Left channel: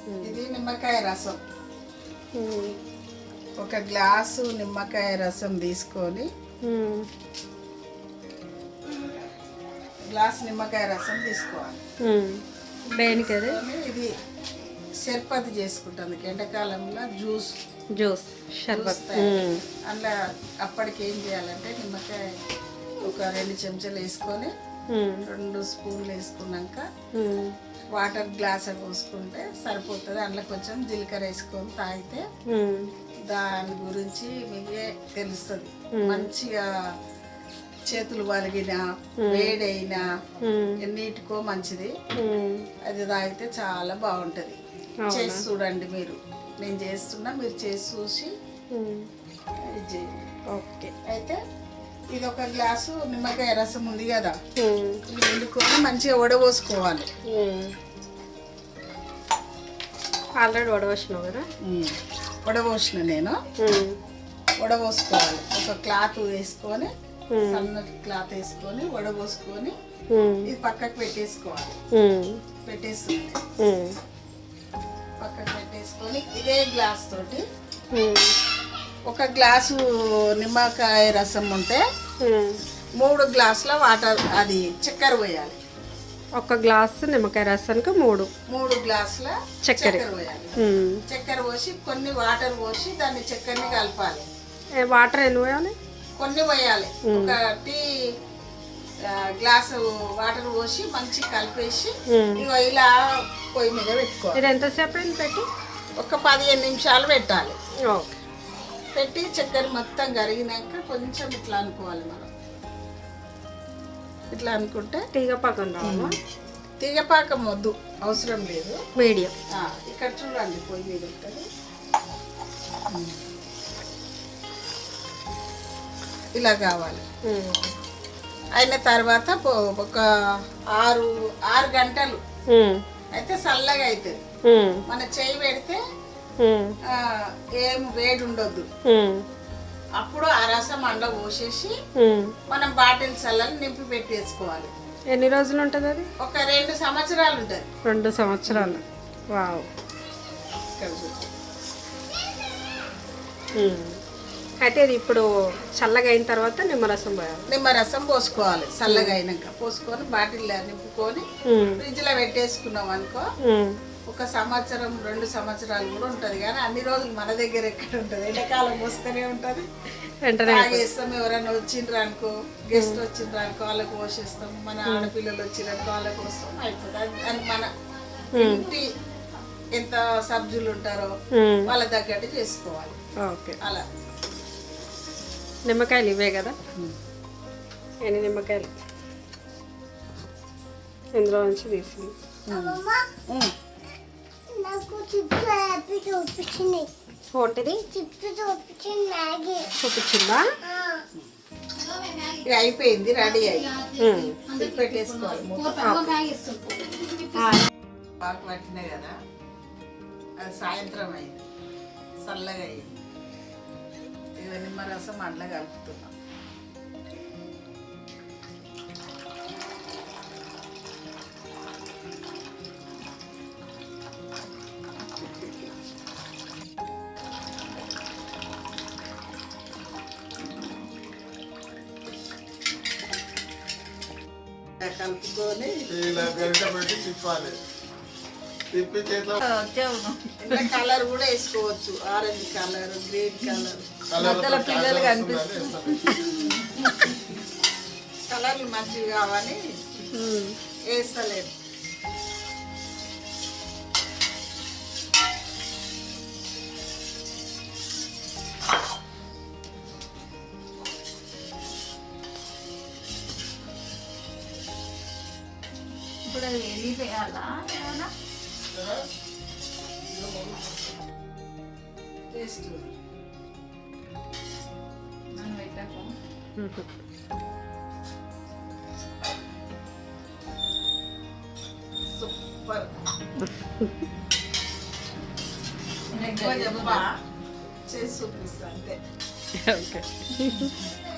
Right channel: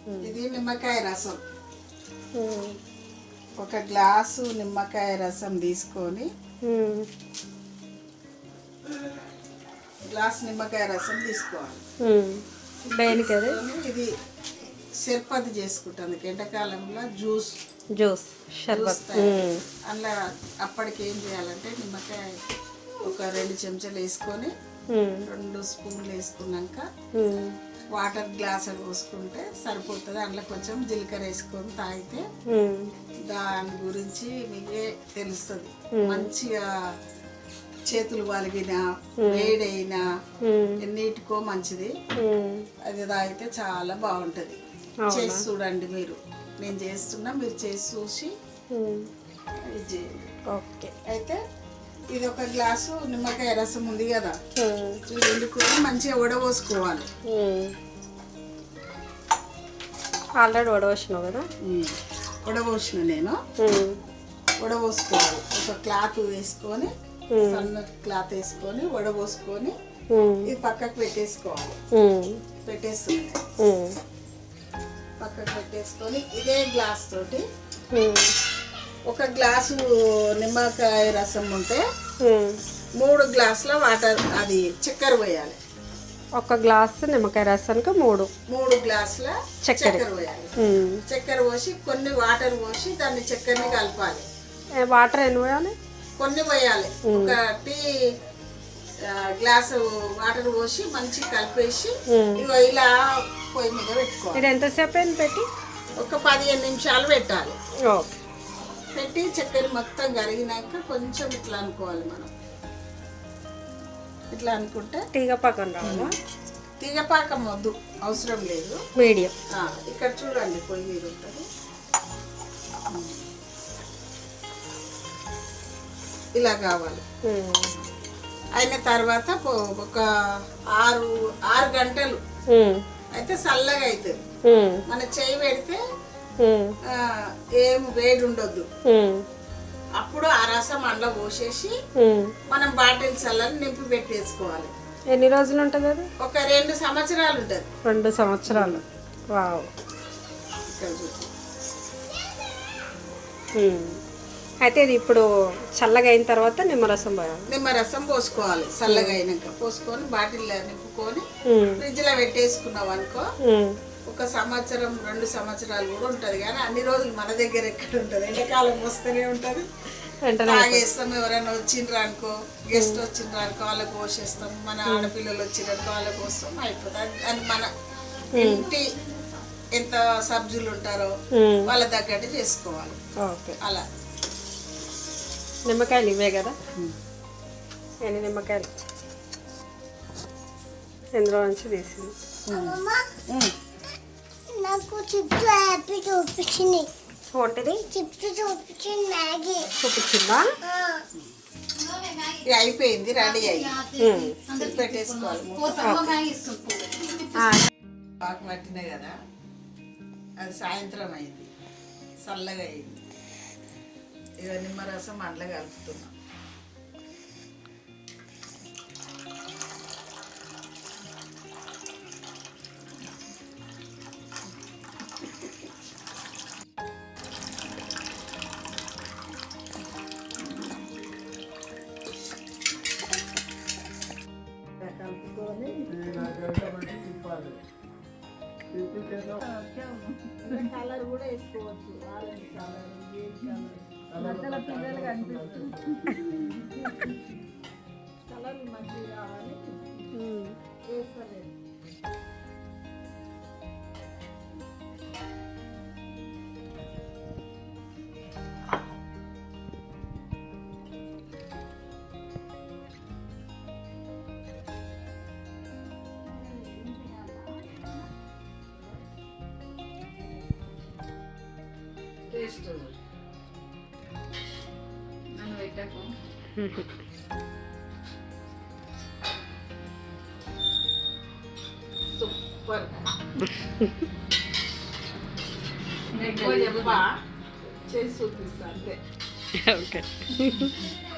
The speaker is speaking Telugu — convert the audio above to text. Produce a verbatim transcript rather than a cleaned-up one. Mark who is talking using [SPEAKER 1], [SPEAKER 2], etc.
[SPEAKER 1] ఇది నిమ్మకాయ రసం. ఒక గ్లాసు నిమ్మకాయ రసం తీసుకొని గ్లాస్ నిమ్మకాయ రసం తీసుకోవాలి.
[SPEAKER 2] దేనికి?
[SPEAKER 1] ఇది షర్బత్ చేసుకుంటుంది ఎండాకాలంలో. జ్యూస్
[SPEAKER 2] జ్యూస్ షర్బత్.
[SPEAKER 1] అలా అప్పటికి ఏం చేయాలంటే నిమ్మకాయ ఒక రెండు చెంచాలు వేసుకొని రెండు స్పూన్లు వేసుకున్నాక వాటర్ గ్లాస్ పోసుకుంటే సరిపోతుంది. అందులో కొంచెం జీలకర్ర వేసుకొని తాగితే దాని గురించి మీకే తెలుస్తుంది. మంచిగా చేతులు వలిగినా వేడైనా ఎన్నిటికో మంచిది. అది తాగితే చాలా బాగుంటుంది. చేసి చూడండి మీరు. నేను చేస్తున్నా, మీరు చేసి చూసి ఇది చేయండి.
[SPEAKER 2] ఓకే.
[SPEAKER 1] అయితే ఇది ఒక గ్లాసు నిమ్మకాయ రసం ఉంది కదా, ఇది వండుకొని మంచిగా వడపోసుకోవాలి.
[SPEAKER 2] ఆల్రెడీ వడవచ్చినావు కదా?
[SPEAKER 1] వడపోసిన నేను వడపోసుకోవాలి. ఒక క్లాత్ వేసుకొని సన్న క్లాత్ వేసుకొని వడపోసుకొని ఇది పక్కకు పెట్టేసుకోవాలి. పెట్టేస్తుంది పక్కకు పెట్టేసుకొని ఇదే గ్లాస్ తోటి ఒక గ్లాసు నిమ్మకాయ రసం ఉంటే మూడు గ్లాసుల వాటర్ అది చక్కెర పోయాలి.
[SPEAKER 2] ఒక గ్లాసు నిమ్మకాయ రసానికి మూడు
[SPEAKER 1] మూడు గ్లాసుల
[SPEAKER 2] చక్కెర
[SPEAKER 1] పోయాలి. చక్కెర పోసి కొన్ని వాటర్ పోసి దాన్ని చక్కెరని కలపాలి.
[SPEAKER 2] వాటర్ ఎన్ని పోయాలి?
[SPEAKER 1] కొన్ని పోయాలి. ఒక టీ గ్లాసు వాటర్ పోసి మంచిగా కలిపేసి ఇలా పొయ్యి మీద పెట్టుకోవాలి.
[SPEAKER 2] ఇది ఎంతసేపు అయింది పెట్టి?
[SPEAKER 1] ఒక పదిహేను నిమిషాలు పెట్టాలి.
[SPEAKER 2] ఓకే.
[SPEAKER 1] పెట్టి చక్కెర మొత్తం కరిగినాక కొంచెం ఇట్లా అనుకోవాలి. మనం ఇట్లా అనుకుంటే
[SPEAKER 2] తీగ పాకం రావాలా?
[SPEAKER 1] తీగపాకం వద్దు, అవసరం లేదు.
[SPEAKER 2] మీడియం.
[SPEAKER 1] ఇక్కడ చూడండి పొయ్యి మీద ఉంటుంది. ఇలా కావాలి. అయిన తర్వాత ఒక ఆరు ఆరు గంటలు అయితే చల్లగా అవుతుంది. మన చెయ్యి పెడితే ఏం వేడి ఉండొద్దు. అప్పుడు ఆ రసం అందులో పోసేసి మనం బాటిల్ చల్లని నింపి పెట్టేసుకోవాలి.
[SPEAKER 2] ఎన్ని రోజులు ఉంటుంది అది?
[SPEAKER 1] ఒక రెండు సంవత్సరాలు ఉంటుంది.
[SPEAKER 2] రెండు సంవత్సరాలు. వావ్. అయితే ఇది ఇప్పుడు చల్లగా అయిన తర్వాత నిమ్మరసం పోయాలి.
[SPEAKER 1] నిమ్మరసం పోసుకోవాలి. చల్లగా అయినాక పోసుకొని బాటిల్లో నింపుకొని ఫ్రిడ్జ్ లో పెట్టేసుకున్నాం అనుకో ఒక సంవత్సరం రెండు సంవత్సరాలు కూడా ఉంటుంది. కానీ అన్ని రోజులు మన దగ్గర ఎక్కడ ఉంటుంది? ఎండాకాలం వస్తూనే ఉంటుంది. తాగేస్తాం. ఎవరైనా వచ్చిండ్రు అనుకో, గెస్ట్ వచ్చిండ్రు అనుకో వాళ్ళకి పోసేస్తాం. మన ఆడపిల్లలు వచ్చిండ్రనుకో వాళ్ళకి పోస్తాం, అయిపోతుంది. అని మన ఇంటి ఎంత సబ్జులు ఉంటారో వాళ్ళ తగ్గట్టు చేసుకోవాలి.
[SPEAKER 2] ఓకే.
[SPEAKER 1] అలా
[SPEAKER 2] నిమ్మకాయలు ఇవే కదా? ఎన్ని నిమ్మకాయలు ఇందులో నుంచి తీసింది. ఒకటిది చూపించిందా?
[SPEAKER 1] అయిపోయింది, రెడీ అయ్యి పెట్టేసుకోవాలి. పాకు పట్టినాయి కదా, అది సాయంత్రం అయింది, చల్లగా అయింది. ఇక నిమ్మరసం అందులో కలుపుతున్నాం. కలుపుకొని కలర్ కూడా వేసుకోవచ్చు. Orange colour, green colour. మధ్యలో పిల్లలు కనిపిస్తుంది. కలర్లు మంచిగా కావాలి వేస్తలేదు. ఇప్పుడు ఎన్ని వేయాలా? టేస్ట్ నన్ను పెట్టకు. సూపర్. ఎక్కువ చెప్పా, చేసి చూపిస్తా అంతే.
[SPEAKER 2] ఓకే.